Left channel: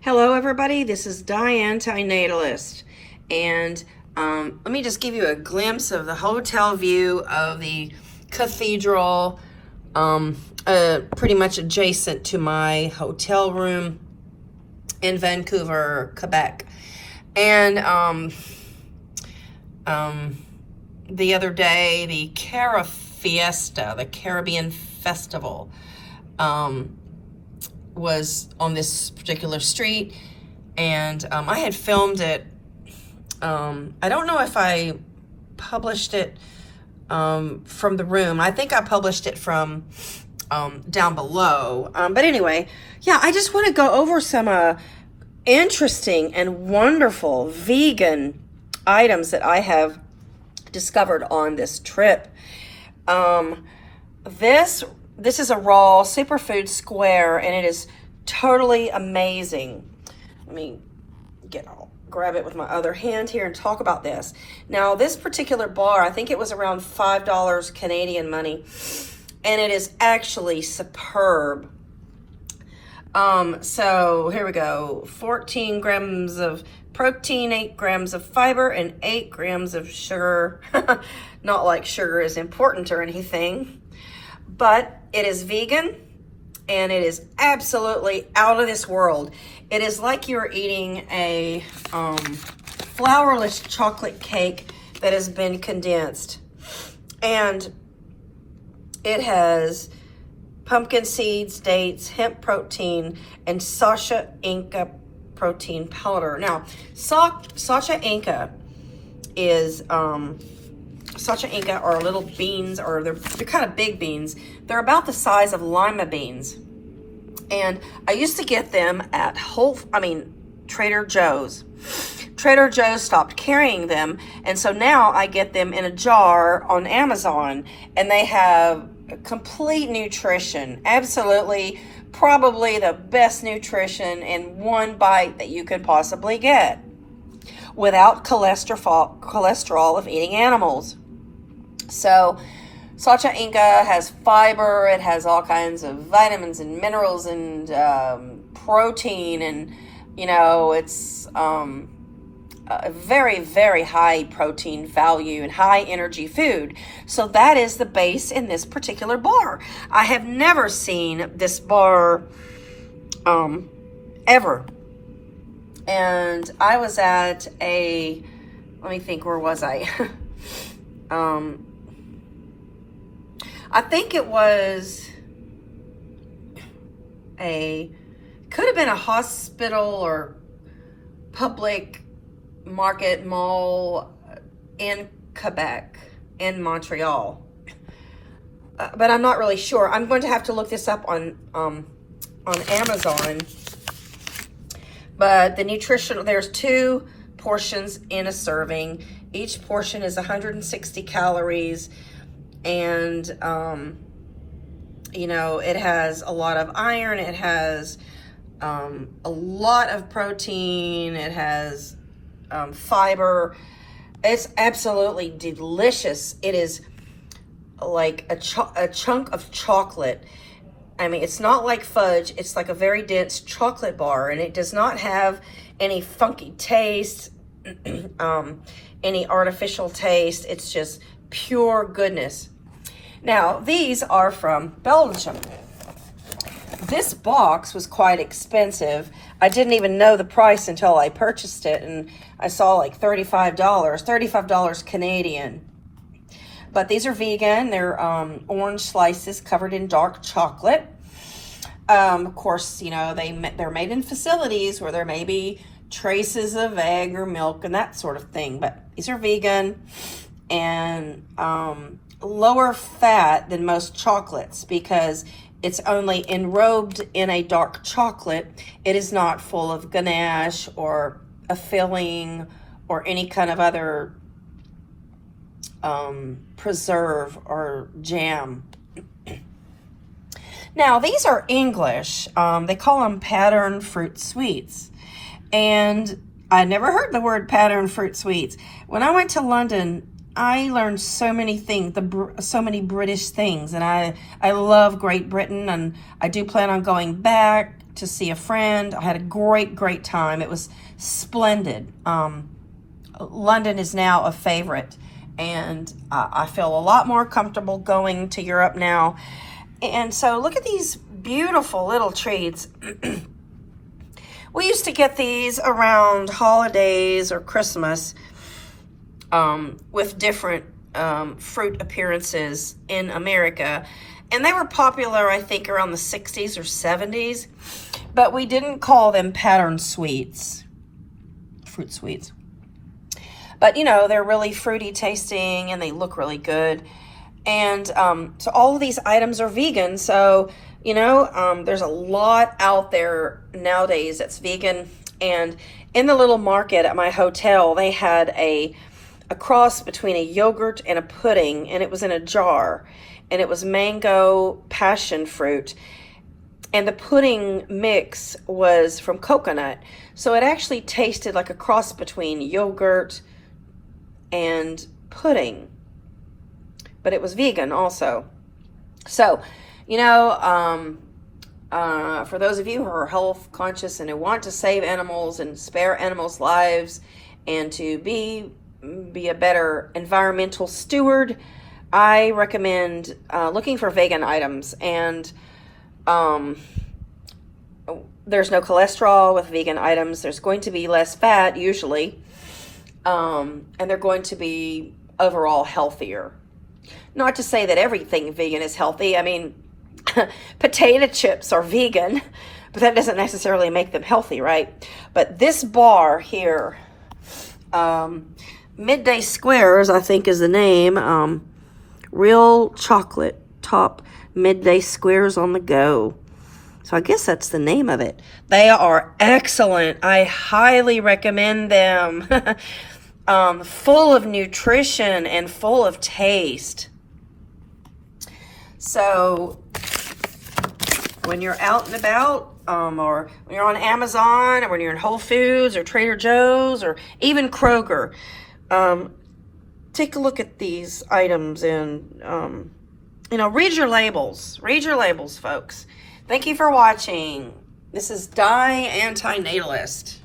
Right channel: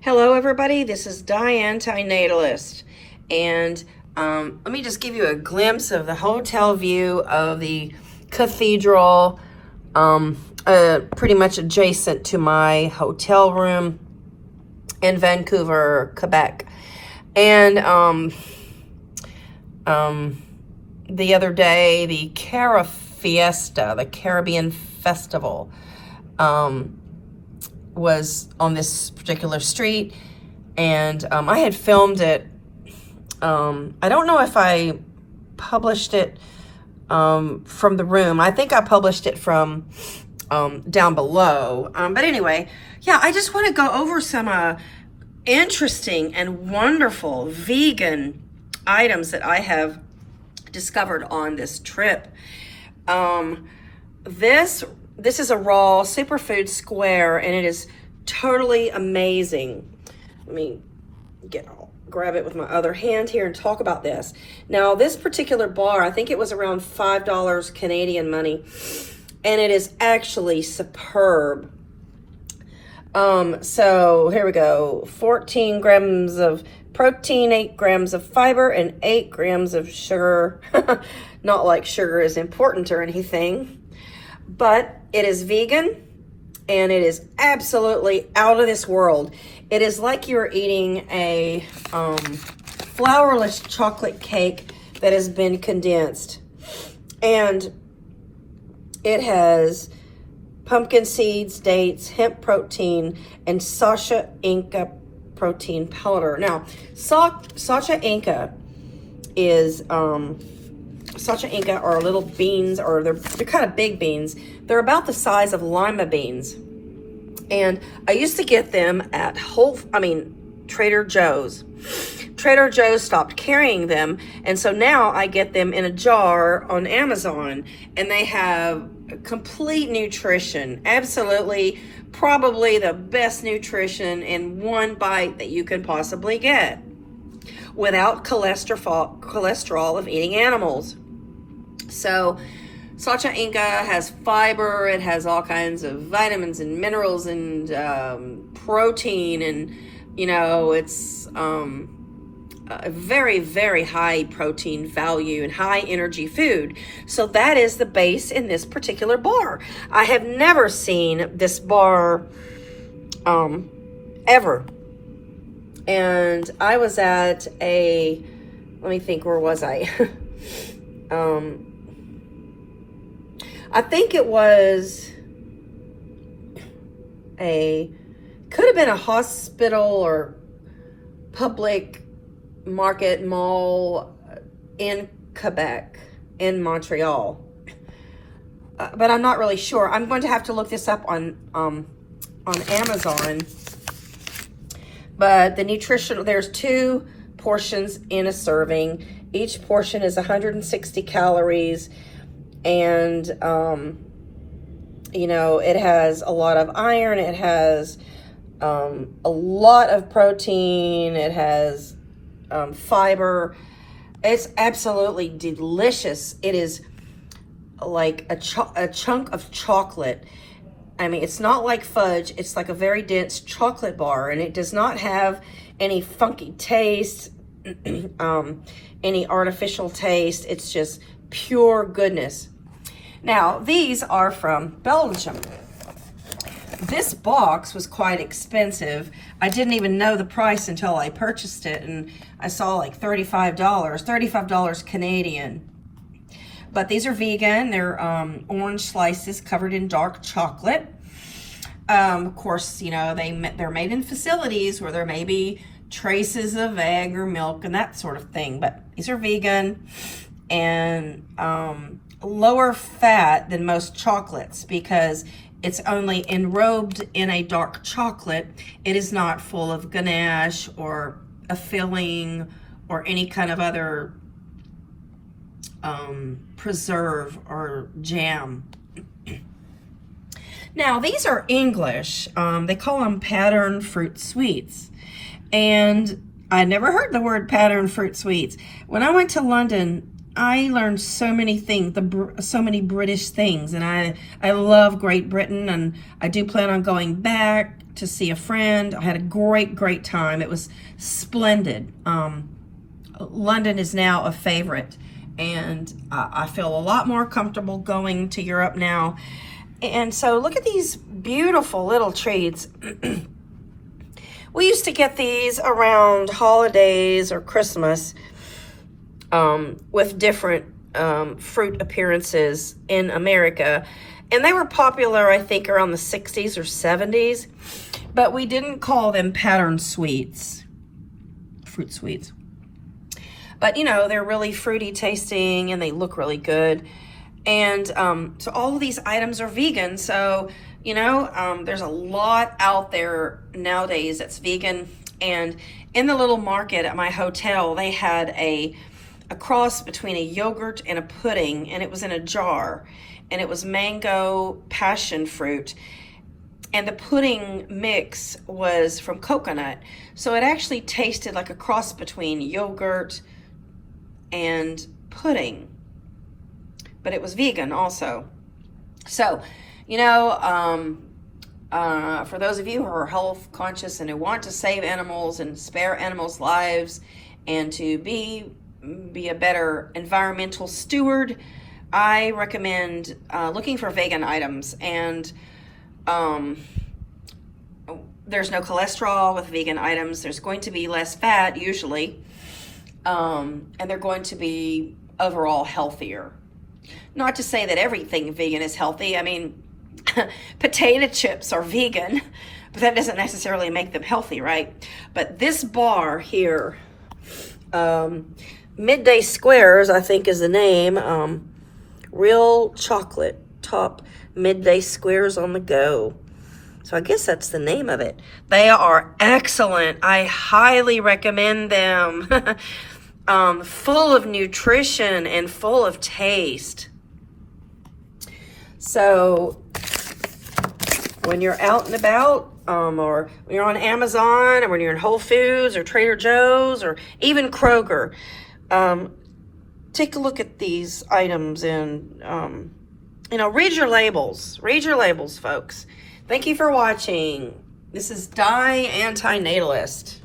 Hello everybody, this is Diane, Natalist, and let me just give you a glimpse of the hotel view of the cathedral, pretty much adjacent to my hotel room in Vancouver, Quebec. And the other day, the Fiesta, the Caribbean Festival, was on this particular street, and I had filmed it. I don't know if I published it from the room. I think I published it from down below. But anyway, yeah, I just want to go over some interesting and wonderful vegan items that I have discovered on this trip. This is a raw superfood square, and it is totally amazing. Let me grab it with my other hand here and talk about this. Now, this particular bar, I think it was around $5 Canadian money, and it is actually superb. So here we go. 14 grams of protein, 8 grams of fiber, and 8 grams of sugar. Not like sugar is important or anything, but it is vegan, and it is absolutely out of this world. It is like you're eating a flourless chocolate cake that has been condensed. And it has pumpkin seeds, dates, hemp protein, and Sacha Inca protein powder. Now, Sacha Inca is... Sacha Inca are little beans, or they're kind of big beans. They're about the size of lima beans. And I used to get them at Trader Joe's. Trader Joe's stopped carrying them, and so now I get them in a jar on Amazon, and they have complete nutrition. Absolutely, probably the best nutrition in one bite that you could possibly get, without cholesterol of eating animals. So Sacha Inca has fiber, it has all kinds of vitamins and minerals and protein, and it's a very, very high protein value and high energy food. So that is the base in this particular bar. I have never seen this bar ever. And I was at let me think, where was I? I think it was could have been a hospital or public market mall in Quebec, in Montreal. But I'm not really sure. I'm going to have to look this up on Amazon. But the nutrition, there's 2 portions in a serving. Each portion is 160 calories. And, it has a lot of iron. It has a lot of protein. It has fiber. It's absolutely delicious. It is like a chunk of chocolate. I mean, it's not like fudge. It's like a very dense chocolate bar, and it does not have any funky taste, any artificial taste. It's just pure goodness. Now, these are from Belgium. This box was quite expensive. I didn't even know the price until I purchased it, and I saw like $35 Canadian. But these are vegan. They're orange slices covered in dark chocolate. Of course, they're made in facilities where there may be traces of egg or milk and that sort of thing. But these are vegan and lower fat than most chocolates, because it's only enrobed in a dark chocolate. It is not full of ganache or a filling or any kind of other preserve or jam. Now, these are English. They call them pattern fruit sweets. And I never heard the word pattern fruit sweets. When I went to London, I learned so many things, so many British things, and I love Great Britain, and I do plan on going back to see a friend. I had a great time. It was splendid. London is now a favorite, and I feel a lot more comfortable going to Europe now. And so look at these beautiful little trees. We used to get these around holidays or Christmas with different fruit appearances in America. And they were popular, I think, around the 60s or 70s. But we didn't call them pattern sweets, fruit sweets. But, you know, they're really fruity tasting and they look really good. And so all of these items are vegan. So, you know, there's a lot out there nowadays that's vegan. And in the little market at my hotel, they had a cross between a yogurt and a pudding, and it was in a jar. And it was mango passion fruit. And the pudding mix was from coconut. So it actually tasted like a cross between yogurt and pudding. But it was vegan also. So, you know, for those of you who are health conscious and who want to save animals and spare animals' lives and to be a better environmental steward, I recommend looking for vegan items. And there's no cholesterol with vegan items. There's going to be less fat usually, and they're going to be overall healthier. Not to say that everything vegan is healthy. I mean, potato chips are vegan, but that doesn't necessarily make them healthy, right? But this bar here, Midday Squares, I think is the name, real chocolate top Midday Squares on the go. So I guess that's the name of it. They are excellent. I highly recommend them. Full of nutrition and full of taste. So when you're out and about, or when you're on Amazon, or when you're in Whole Foods or Trader Joe's or even Kroger, take a look at these items and, you know, read your labels. Read your labels, folks. Thank you for watching. This is Die Antinatalist.